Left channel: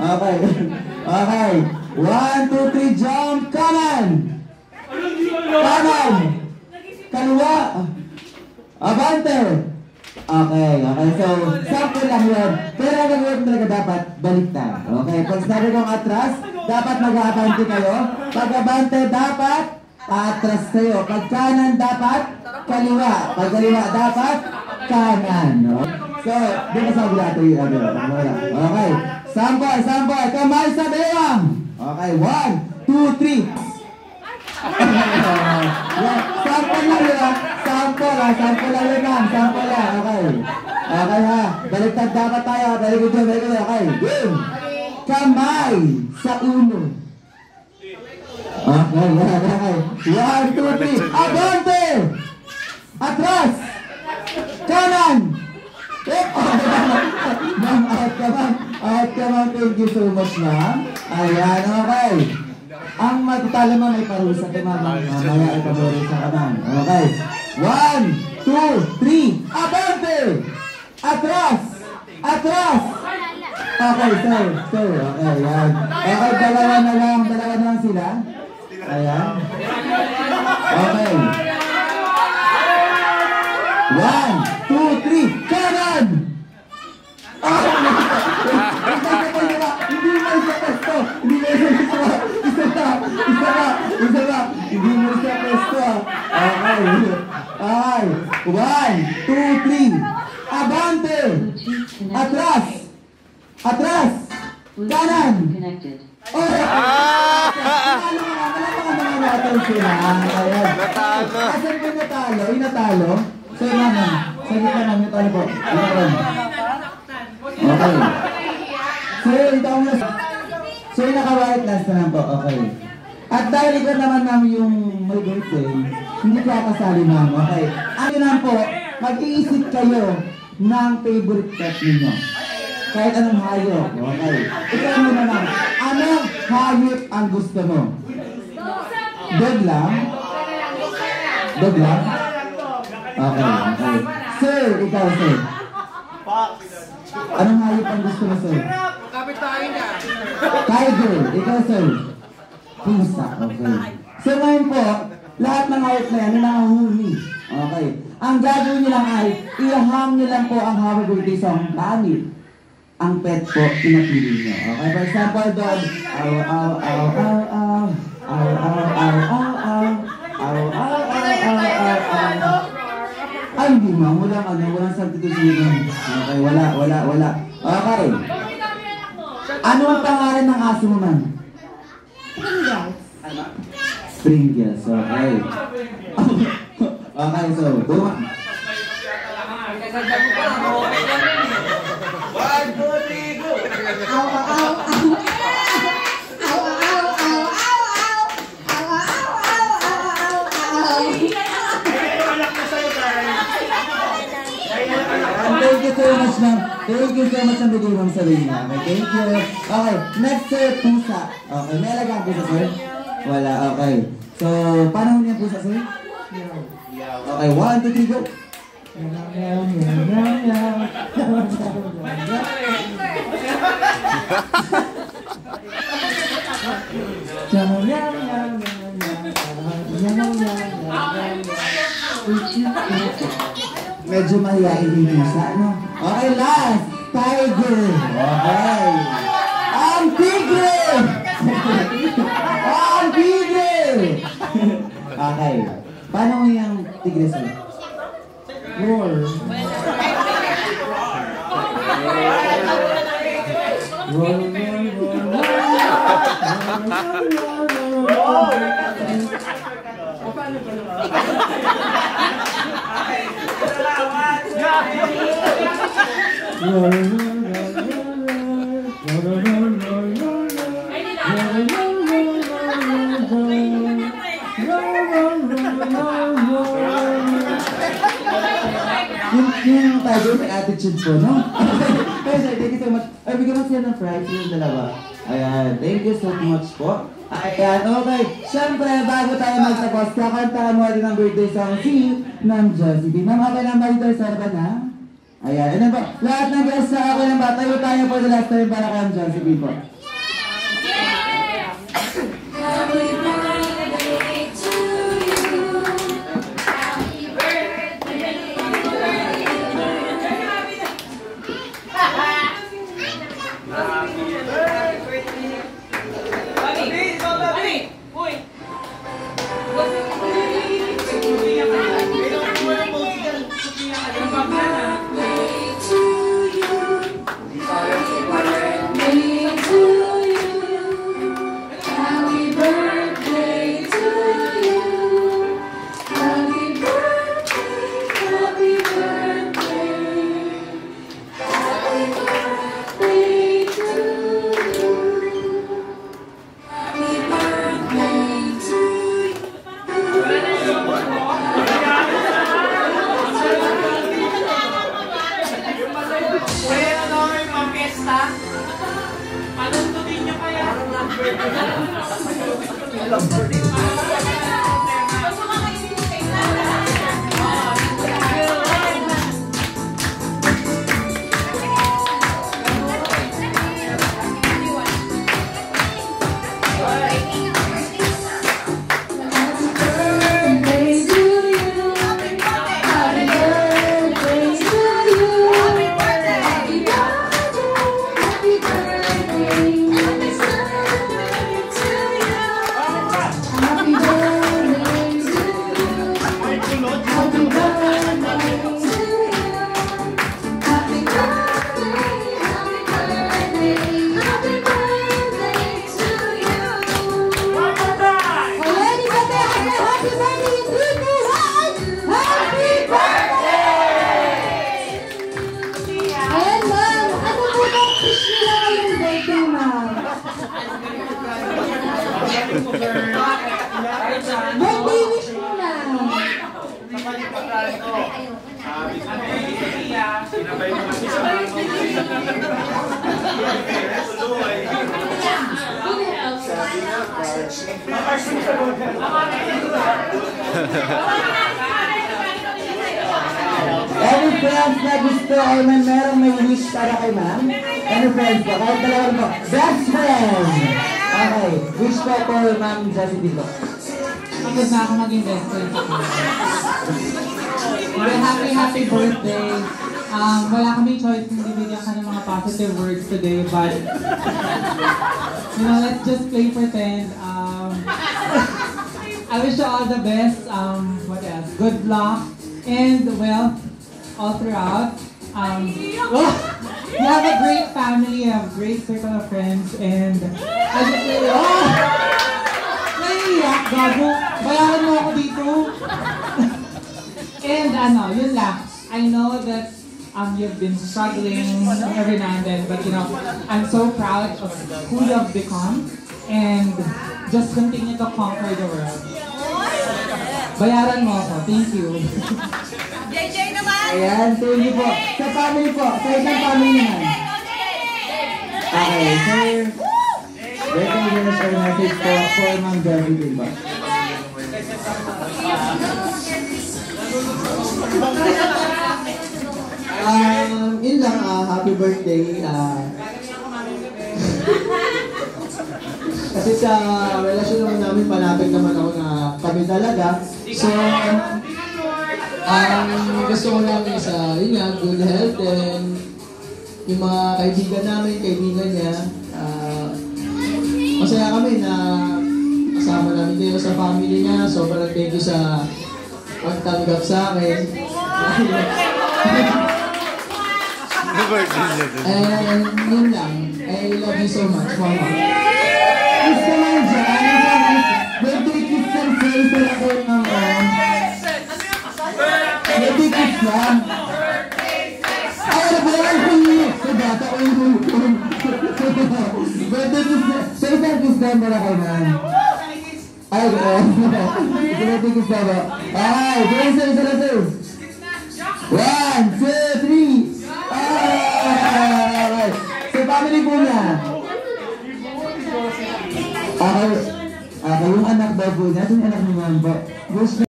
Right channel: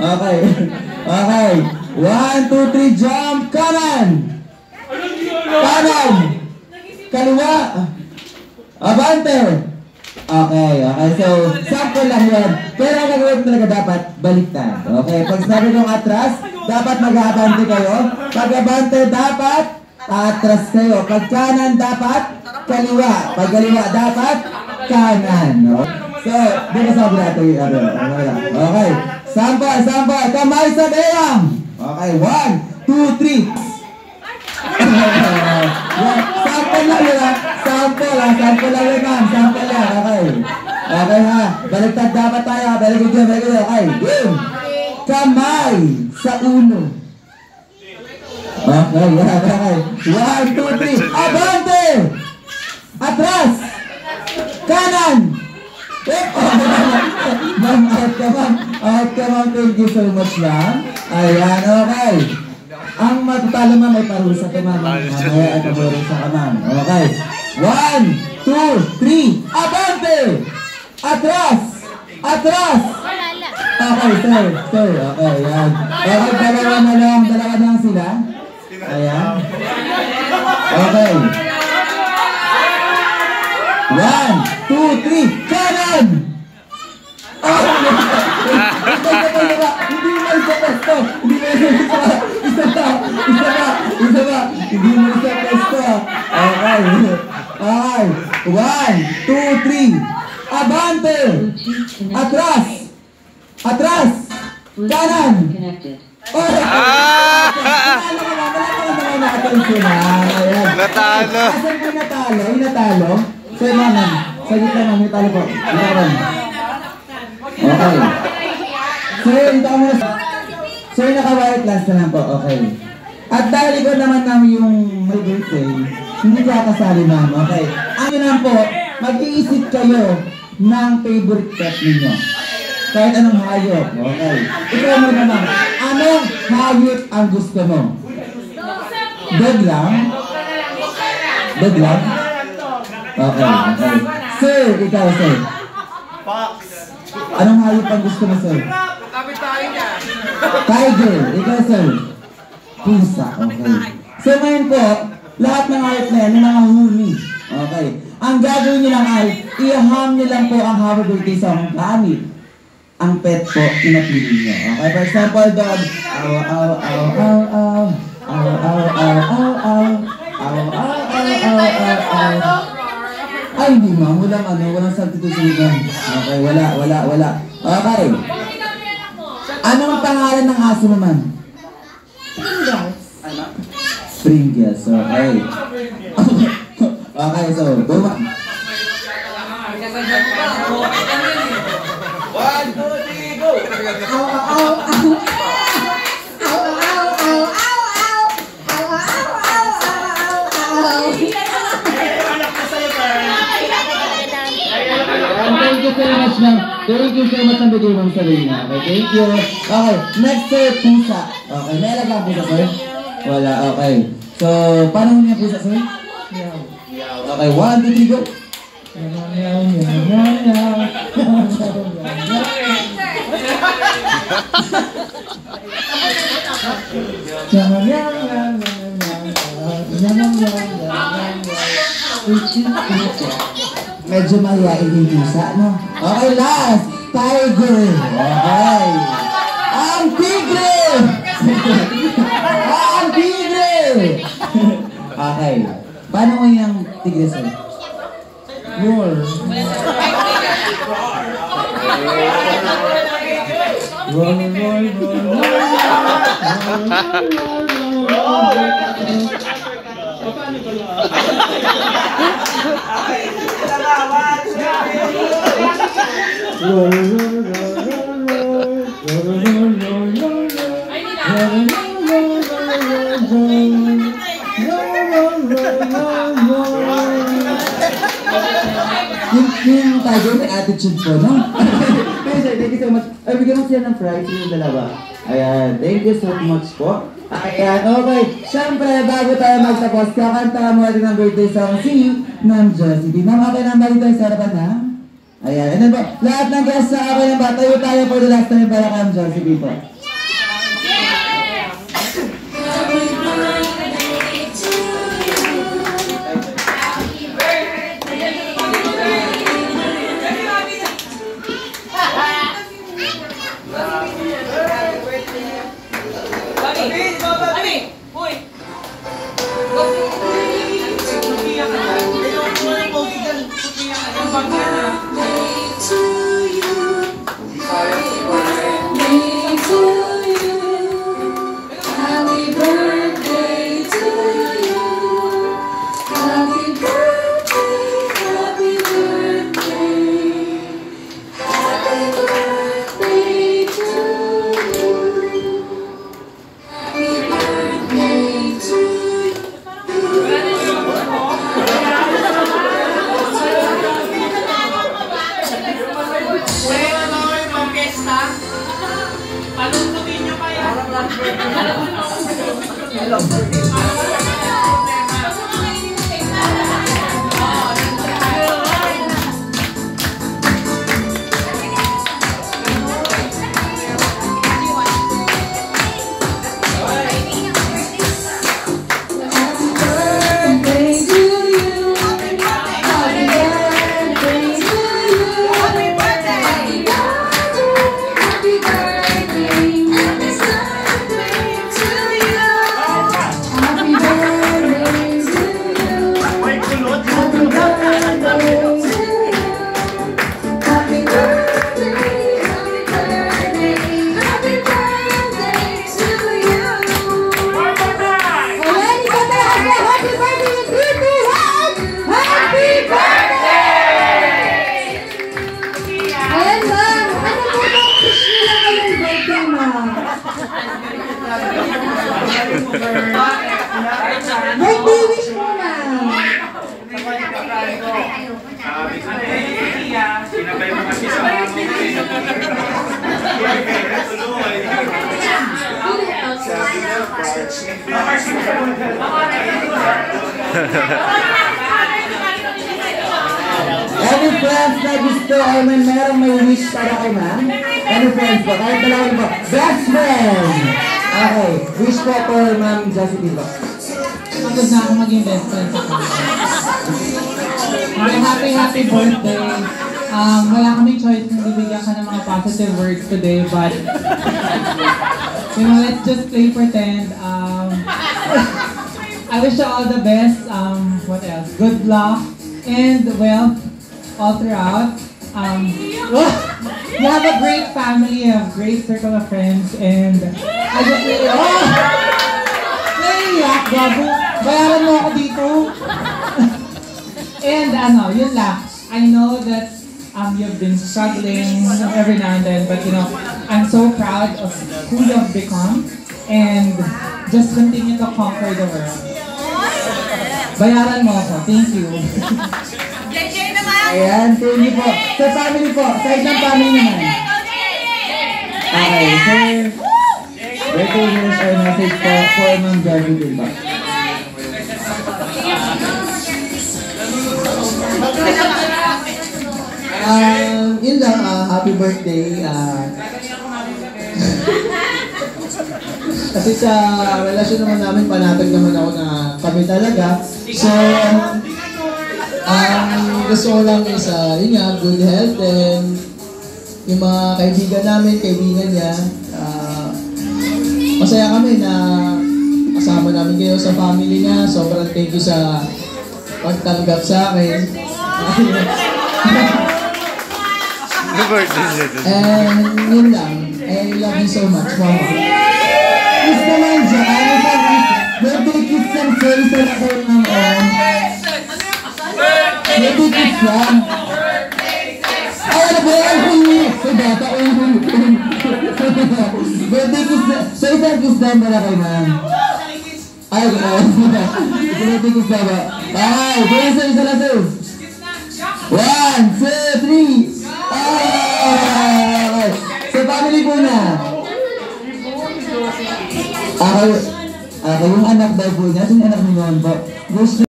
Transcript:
Okay. Okay. 1, 2, 3, jump. Kanan. Kanan. Kaliwa. Abante. Okay, okay. So, sample lang yun. Pero ang gagawin talaga dapat, baliktad. Okay, pag sabi ng atras, dapat mag-abante kayo. Pag abante, dapat atras kayo. Pag kanan, dapat kaliwa. Pag kaliwa, dapat kanan. So, di ba sabi natin yung okay. Sample, sample. Kamay sa bewang. Okay, 1, 2, 3. Sample lang yun. Sample lang. Sample lang yun, ma'am. Sample lang. Okay. Okay ha. Baliktad dapat tayo. Baliktad yun. Baliktad yun. Okay. Game. Kamay sa ulo. Okay. Okay. 1, 2, 3. Abante. Atras. Kanan. Ma'am, out ka ma'am. Out ka ma'am. Thank you so much ma'am. Ayan. Okay. Ang matutalo ma'am ay parusa ka ma'am. Kaya ay parusa ka ma'am. Okay. 1, 2, 3. Abante. Atras. Atras. Okay, sir. Sir. Okay, yan. Okay, dalawa na lang. Dalawa na lang sila. Ayan. Okay. 1, 2, 3. Kanan. Hindi mo isa pesto. Hindi mo isa pesto. Isa pa. Isa pa. Isa pa. Hindi mo isa pesto. Okay. Okay. 1, 2, 3. Abante. Atras. Atras. Kanan. Natalo. Asan ko natalo? Yung natalo? So, ma'am. Sagit lang, ma'am. Yung talo po. Okay. So, ito ako muna. So, yung naka-white last na lang po. Okay. At dahil ikaw naman ma'am yung may birthday, hindi ka kasali ma'am. Okay. Ano naman po, mag-iisip kayo ng favorite pet ninyo. Kahit anong hayop. Okay. Ikaw muna ma'am. Anong hayop ang gusto mo? Dog lang? Dog lang? Okay. Okay. Sir, ikaw sir. Fox. Anong hayop ang gusto mo sir? Tiger. Ikaw sir. Pusa. Okay. So ngayon po, lahat ng hayop na yan, nakahuli. Okay. Ang gagawin nyo lang ay, i-ham nyo lang po ang happy birthday song gamit ang pet po, pinapili nyo. Okay, for example, dog. Aw, aw, aw, aw, aw. Aw, aw, aw, aw, aw. Aw, aw, aw, aw, aw. Ay, hindi ma'am. Walang substitution. Okay, wala. Okay. Anong pangalan ng aso mo, ma'am? Pringles. Okay. Okay, so, go ma'am. 1, 2, 3, go! Aw, aw, aw. Thank you so much, ma'am. Thank you so much ang bigay ma'am sa rin niya. Okay, thank you. Okay, next sir, pusa. Okay, may alagang pusa, sir? Wala, okay. So, paano mo niya pusa, sir? Okay, 1, 2, 3, go. Medyo mahihain yung pusa, no? Okay, last! Tiger! Okay! Ang tigre! Ang tigre! Okay. Paano mo yung tigre, sir? Roar. Yung tiger may attitude po, no? Hey sir, thank you so much. Ay, bigyan mo sila ng fries yung dalawa. Ayan, thank you so much po. Ayan, okay. Siyempre, bago tayo magtapos, kakanta mo rin ang birthday song si Ma'am Josie. Ma'am, okay lang ba dito sa harapan na? Ayan. Ano ba? Lahat ng guests na ako yung tayo for the last time para kang John si Pipo. Any friends na gusto o may wish para kay ma'am? Any friends po? Kahit dalawa po. Best friend! Okay. Wish po for ma'am Josephine po. Magod na ako maging best friend sa kanya. Happy birthday! Wala kami choice kung bibigyan ka ng mga positive words today, but you know, let's just play pretend. I wish you all the best. What else? Good luck and wealth all throughout. You have a great family, you have a great circle of friends, and I just say, naiiyak, gago. Bayaran mo ako dito. And yun lang. I know that you've been struggling every now and then, but you know, I'm so proud of who you have become, and just continue to conquer the world. Bayaran mo ako. Thank you. Ayan, thank you po. Sa family po, sa isang family naman. Okay, so, birthday wish or message po for Ma'am Josephine po. Yun lang, happy birthday. Kasi sa relasyon naman namin, panatag naman ako na kami talaga. So, gusto ko lang is, yun nga, good health, and yung mga kaibigan niya, masaya kami na kasama namin kayo sa family niya. Sobrang thank you sa pagtanggap sa akin. And yun lang, I love you so much, Mama. Kiss naman dyan. Birthday kiss and face na kayo ng birthday kiss lang. Ay, ano ba yan? Sa bata ko yung birthday kiss na. So, isang kiss lang para kay ma'am. Ay, birthday kiss na ba? Ay, isa na sir. 1, 2, 3. Okay. So, family po niya. Okay, yung anak daw po niya. Sino yung anak ni Juan po?